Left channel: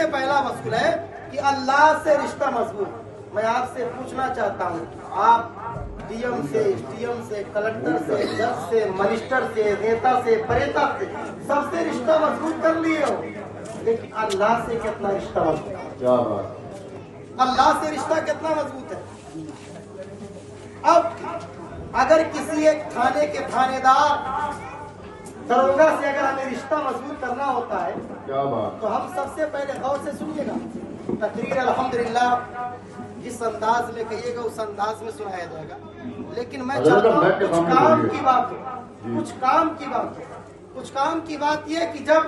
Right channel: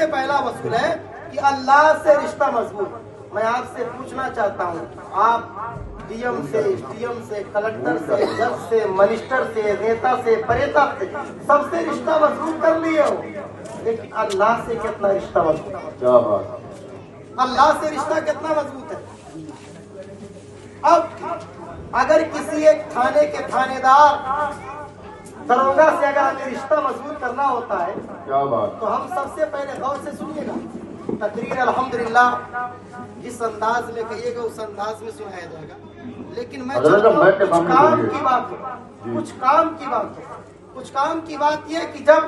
सबसे पहला वसूल है कि अल्लाह से रिश्ता मजबूत। मैं आपसे पूछना चाहता हूँ, आप डीएम से, एसडीएम से, कलेक्टर से, जज से, मिनिस्टर से, नेता से, प्रेता से, सबसे रिश्ता मजबूत कर लिए हो, लेकिन अल्लाह से कितना रिश्ता मजबूत है? क्या बात, अल्लाह से रिश्ता कितना मजबूत है? अब अगर किसी एक थाने के थानेदार दरोगा से अगर हमें रिश्ता मजबूत करना होता है, क्या बात, तो हम सबसे पहले गौर से सुनिएगा। तकरीर अल्हम्दुलिल्लाह जिस अंदाज में कहिएगा उस अंदाज में सुनाया जाएगा, लेकिन मैं चाहता हूँ कुछ काम की बात हो, कुछ काम की बात हो। कुछ काम की बात यह कि जब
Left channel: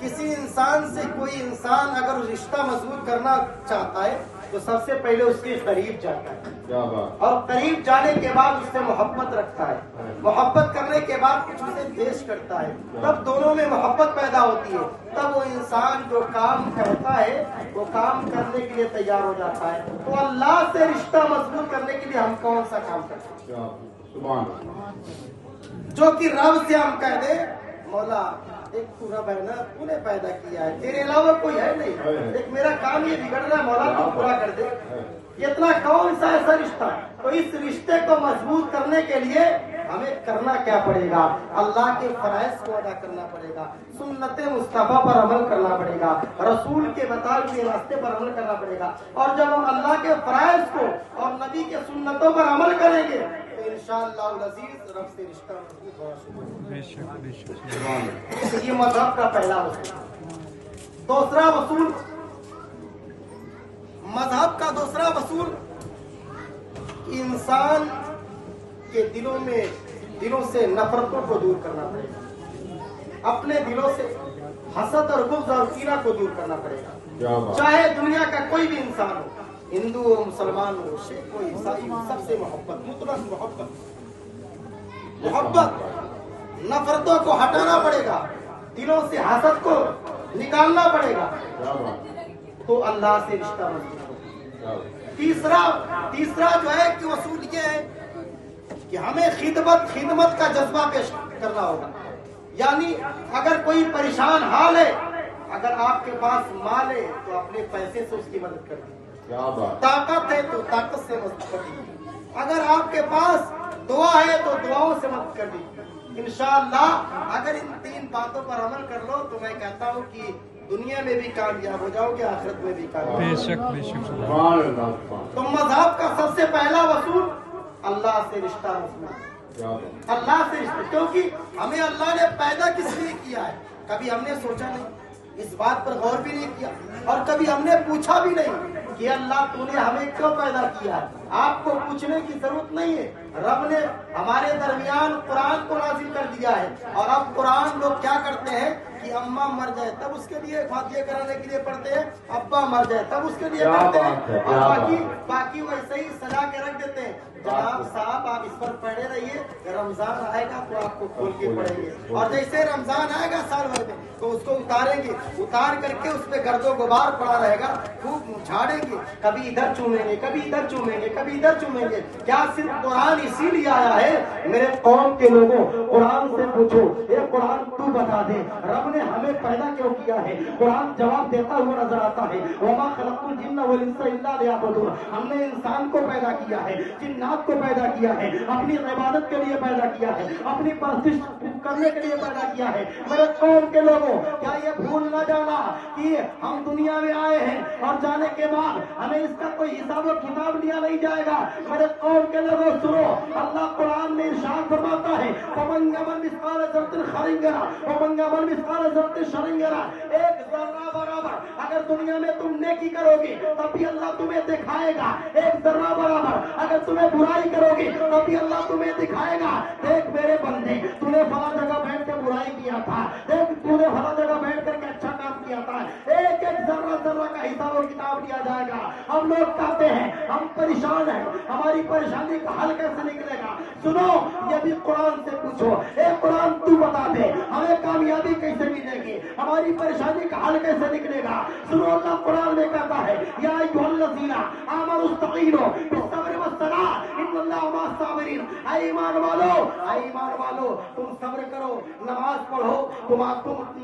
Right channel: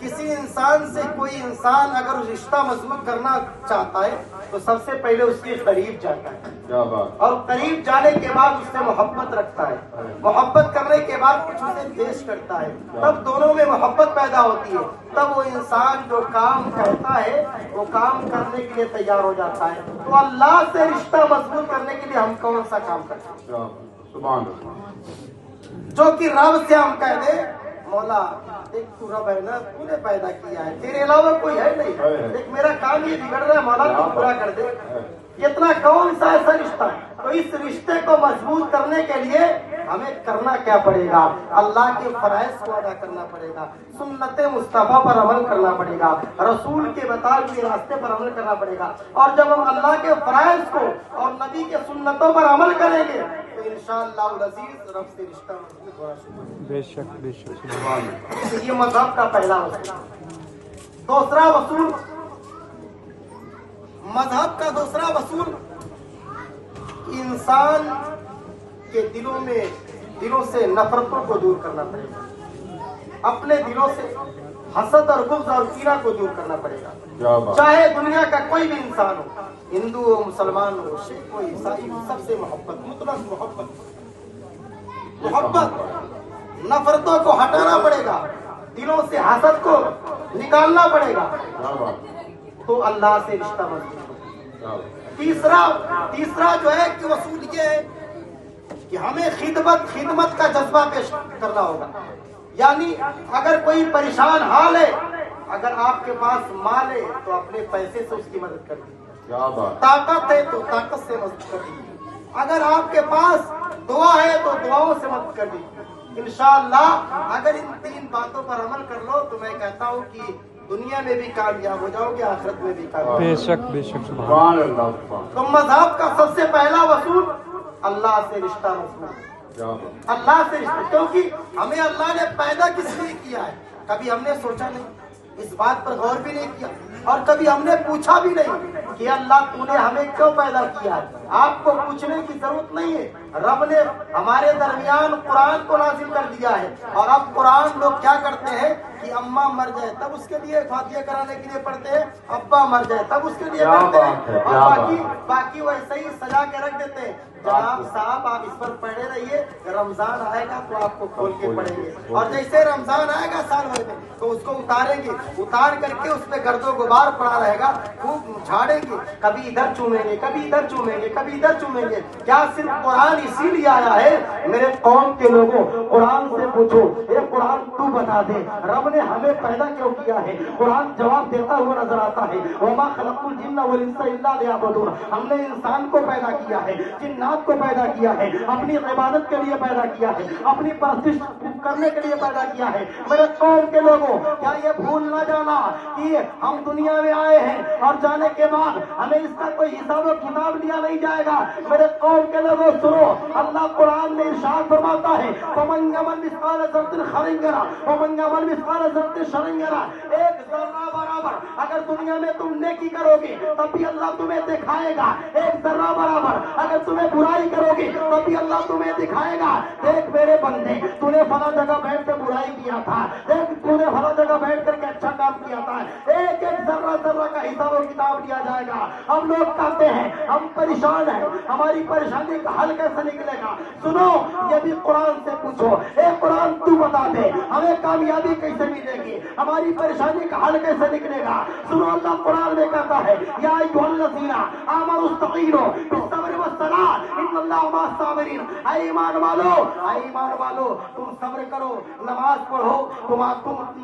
किसी इंसान से कोई इंसान अगर रिश्ता मजबूत करना चाहता है तो सबसे पहले उसके करीब जाता है, क्या बात, और करीब जाने के बाद उससे मोहब्बत रखता है, मोहब्बत करने के बाद कुछ उसे पेश करता है, तब दोनों में मोहब्बत पैदा होती है। तब वो इंसान जो काम कहता है वो काम करने के लिए तैयार हो जाता है। तो अल्लाह से रिश्ता मजबूत करने के लिए हम कौन सा काम करते हैं? क्या बात, सुभान अल्लाह। जो कि रब से हम कह दे, मौला एक तू रब है ना, तूने पैदा किया है, तेरे अलावा कोई है नहीं, एक मेरा काम ये बिगड़ रहा है, मौला तू पूरा कर दे। इतना कौन सा ऐसा रिश्ता है? तो इस रिश्ते को मजबूत करने के लिए हमें करना क्या पड़ेगा? अल्लाह के फराइज को अदा करना पड़ेगा, सुन्नते मुस्तफा पर अमल करना पड़ेगा, रसूल के बताए हुए रास्ते पर अमल करना पड़ेगा। और जब हम अल्लाह के फराइज को और नबी के सुन्नतों पर अमल करेंगे तो इंशाअल्लाह अज़ीज रब से रिश्ता मजबूत होना शुरू होगा। बेशक बेशक, तो ये मजहब का पहला वसूल। दूसरा वसूल, मजहब का दूसरा वसूल, इंसान के दिलों से नफरतों को दूर करना पड़ेगा, अपने दिलों से हसद और गुस्सा और कीना को दूर करना पड़ेगा। क्या बात, चाहे दुनिया का कोई भी इंसान हो, हिंदू हो, मुसलमान हो, सिख हो, ईसाई हो, सबसे मोहब्बत, मुतलक मोहब्बत, नफरतों को हटाना पड़ेगा, दिलों से हसद को निकालना पड़ेगा, क्या बात, तो अल्लाह से रिश्ता मजबूत होगा। क्या बात, तीसरा जो है कि वसूल ये है कि हमें खिदमत का जज्बा पेश करना होगा। यानी अगर कोई परेशान हाल है, अगर आपके पास माल है तो अपने पैसे से उसकी मदद कर दीजिए, क्या बात, ताकत है तो ताकत से मदद कर दीजिए, अगर आपके पास दुआ है तो दुआओं से मदद कर दीजिए। इंशाअल्लाह अगर इन तीन बातों पर अमल कर लो तो मैं कहता हूँ कि दुनिया में भी कामयाब हो जाओगे, आखिरत में भी कामयाब। बेशक बेशक। सुभान अल्लाह, सुभान, तो मजहब का सबसे पहला वसूल अल्लाह से रिश्ता मजबूत, क्या बात, अल्लाह से रिश्ता। क्योंकि हमें अल्लाह ने पैदा किस लिए किया है कभी हमने सोचा नहीं, इस बात पर गौर भी नहीं किया, और कभी हमने पूछा भी नहीं कि अल्लाह तूने हमें क्यों पैदा किया है। आपको पूछने की जरूरत नहीं है, रब ने हमारे दरमियान कुरान को नाजिल कर दिया है। और अब कुरान लोग क्या करते हैं कि अम्मा मर जाए तब उसके लिए फातिहा कराने के लिए पढ़ते हैं, अब्बा मर जाए तब उसके लिए क्या पढ़ते बात है, हैं, क्या और बात। बाकी वैसे ही सजा के रख देते हैं। जनाब साहब आप इस पर पढ़े रहिए, रमजान आएगा तो आपको खोल के पढ़ेंगे, और जैसे रमजान आएगा साल भर में तो उसको उतारेंगे, उतार करके उस पर गर्दो गुबार पड़ा रहेगा, खूब झाड़ेंगे, कभी इधर चूमेंगे, कभी इधर चूमेंगे, कभी इधर चूमेंगे। क्या सिर्फ कुरान इसीलिए आया है? मेरे कौम के लोगों, कुरान से पूछो, ये कुरान तू बता दे रब ने हमें पैदा क्यों किया है? कुरान जवाब देता हुआ नजर आता है, वमा खलक़्तुल जिन्ना वल इंसा इल्ला लियअबुदून। हमने इंसान को पैदा किया है, जिन्नात को पैदा किया है, अपनी इबादत के लिए पैदा किया है, अपनी परस्तिश करने के लिए पैदा किया है। मेरे कौम के लोगों, क्या ये भूल न जाना कि हम दुनिया में आए हैं और जाने के बाद हमें इसका कोई हिसाब और किताब लिया नहीं जाएगा। मेरे कौम के लोगों सुनो, अल्लाह कुरान में इरशाद फरमाता है, फमन यअमल मिस्काल ज़र्रतिन खैरन यरा वमन यअमल मिस्काल ज़र्रतिन शर्रन यरा। एक जर्रा बराबर अगर दुनिया में तुम नेकी करोगे तब भी अल्लाह तुम्हें दिखाएगा, एक जर्रा बराबर अगर तुम्हें बुराई करोगे तब भी अल्लाह तुम्हें दिखाएगा। देख मेरे बंदे, तूने फला जगह बैठ कर बुराई किया था, देख तूने फला जगह बैठ करके अच्छा काम किया था, एक एक जर्रा जर्रा का हिसाब और किताब लिया जाएगा। हम लोग कहते हैं हम परेशान हैं, हमारी परेशानी का हल कैसे निकलेगा? सुनो, ये भी कुरान से पूछो, ए कुरान तू बता दे हमें कामयाबी कैसे मिलेगी, हमारी परेशानी का हल कैसे निकलेगा? सुनो, अल्लाह कुरान में कहता है, या अय्युहल्लज़ीना आमनुस्तईनु बिस्सब्रि वस्सलाह इन्नल्लाहा मअस-साबिरीन। ऐ ईमान वालो तुम सब्र करो, नमाज पढ़ो, तुम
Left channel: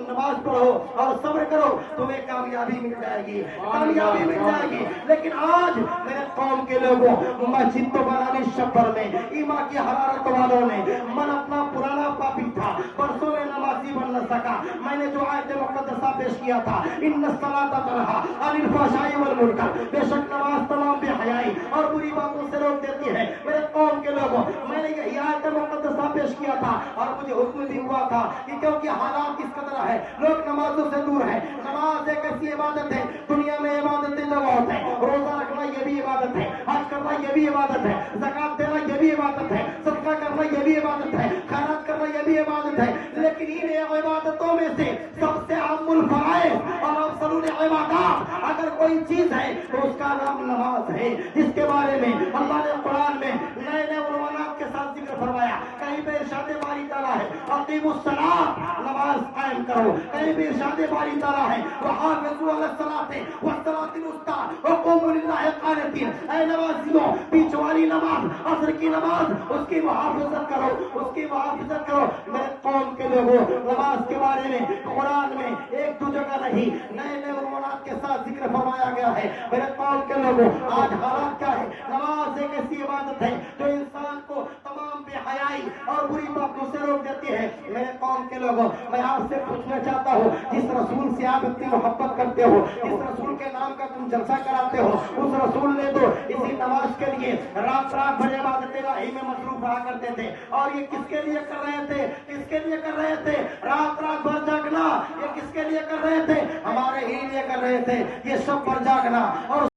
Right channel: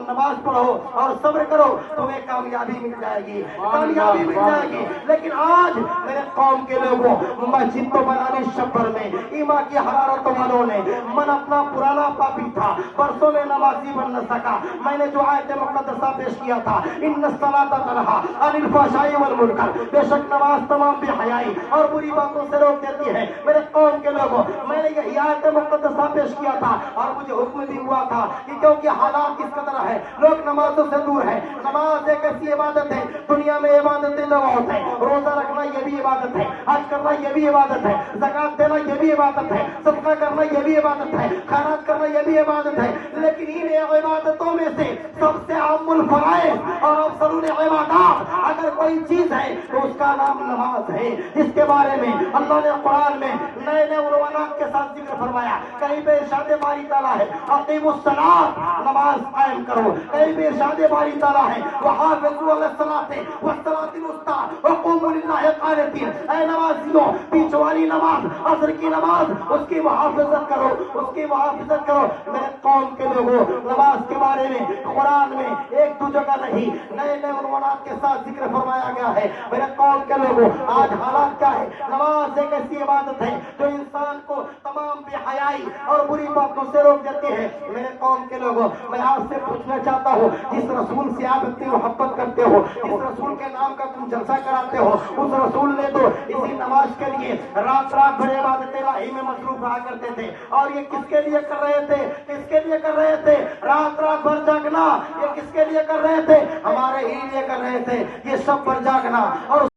नमाज पढ़ो और सब्र करो, तुम्हें कामयाबी کامیابی مل جائے گی، کامیابی مل جائے گی۔ لیکن آج میرے قوم کے لوگوں مسجد تو بنانی شبر میں ایمان کی حرارت والوں نے، من اپنا پرانا پاپی تھا، برسوں میں نمازی بن نہ سکا۔ میں نے جو آیت مقدسہ پیش کیا تھا، ان الصلاۃ تنہا عن الفحشاء والمنکر، بے شک نماز تمام بے حیائی اور بری باتوں سے روک دیتی ہے۔ میرے قوم کے لوگوں، میں نے یہ آیت مقدسہ پیش کیا تھا اور مجھے حکم بھی ہوا تھا کہ کیونکہ حالات کس قدر ہے، لوگ نمازوں سے دور ہیں۔ نماز ایک ایسی عبادت ہے، دنیا میں عبادتیں نہ ہوتے ہیں، روزہ رکھنا یہ بھی عبادت ہے، حج کرنا یہ بھی عبادت ہے، زکات دینا یہ بھی عبادت ہے، صدقہ کرنا یہ بھی عبادت ہے، خیرات کرنا یہ بھی عبادت ہے۔ لیکن ان عبادتوں میں سے سب سے اہم الفرائض اور افضل العبادات اگر کوئی چیز ہے تو اس کا نام نماز ہے، جس کے بارے میں اللہ نے قرآن میں نئے نئے عنوانات کے ساتھ ذکر فرمایا۔ کہیں پہ ارشاد باری تعالیٰ ہے اقیموا الصلاۃ، نماز قائم کرو۔ کہیں پہ ارشاد باری تعالیٰ ہے وحافظوا علی الصلاۃ والصلاۃ الوسطیٰ وقوموا للہ قانتین، اے نمازیوں بیچ والی نماز، عصر کی نماز، اس کی محافظت کرو، اس کی محافظت کرو۔ میرے قوم کے لوگوں، نماز کے بارے میں قرآن میں ایک دو جگہ نہیں، نئے نئے عنوانات کے ساتھ ذکر فرمایا گیا ہے۔ میرے قوم کے لوگوں، آج حالات کیا ہے؟ نماز ایک ایسی عبادت ہے جو انسان کو تمام بے حیائی اور بری باتوں سے روک دیتی ہے۔ میرے قوم کے لوگوں، میں آپ سے پوچھنا چاہتا ہوں، جس رسول سے آپ اتنی محبت کرتے ہو، جس رسول کے نام کا تم جلسہ کراتے ہو، اس رسول نے تو اسی نماز کے لیے رات رات بھر عبادت الہی میں مصروف رہا کرتے تھے۔ اور یہ کس کے لیے کر رہے تھے؟ کس کے لیے کر رہے تھے؟ رات رات بھر جاگنا، یہ کس کے لیے کر رہے تھے؟ ہمارے ہی لیے کر رہے تھے، یہ شب بھر جاگنا۔ اور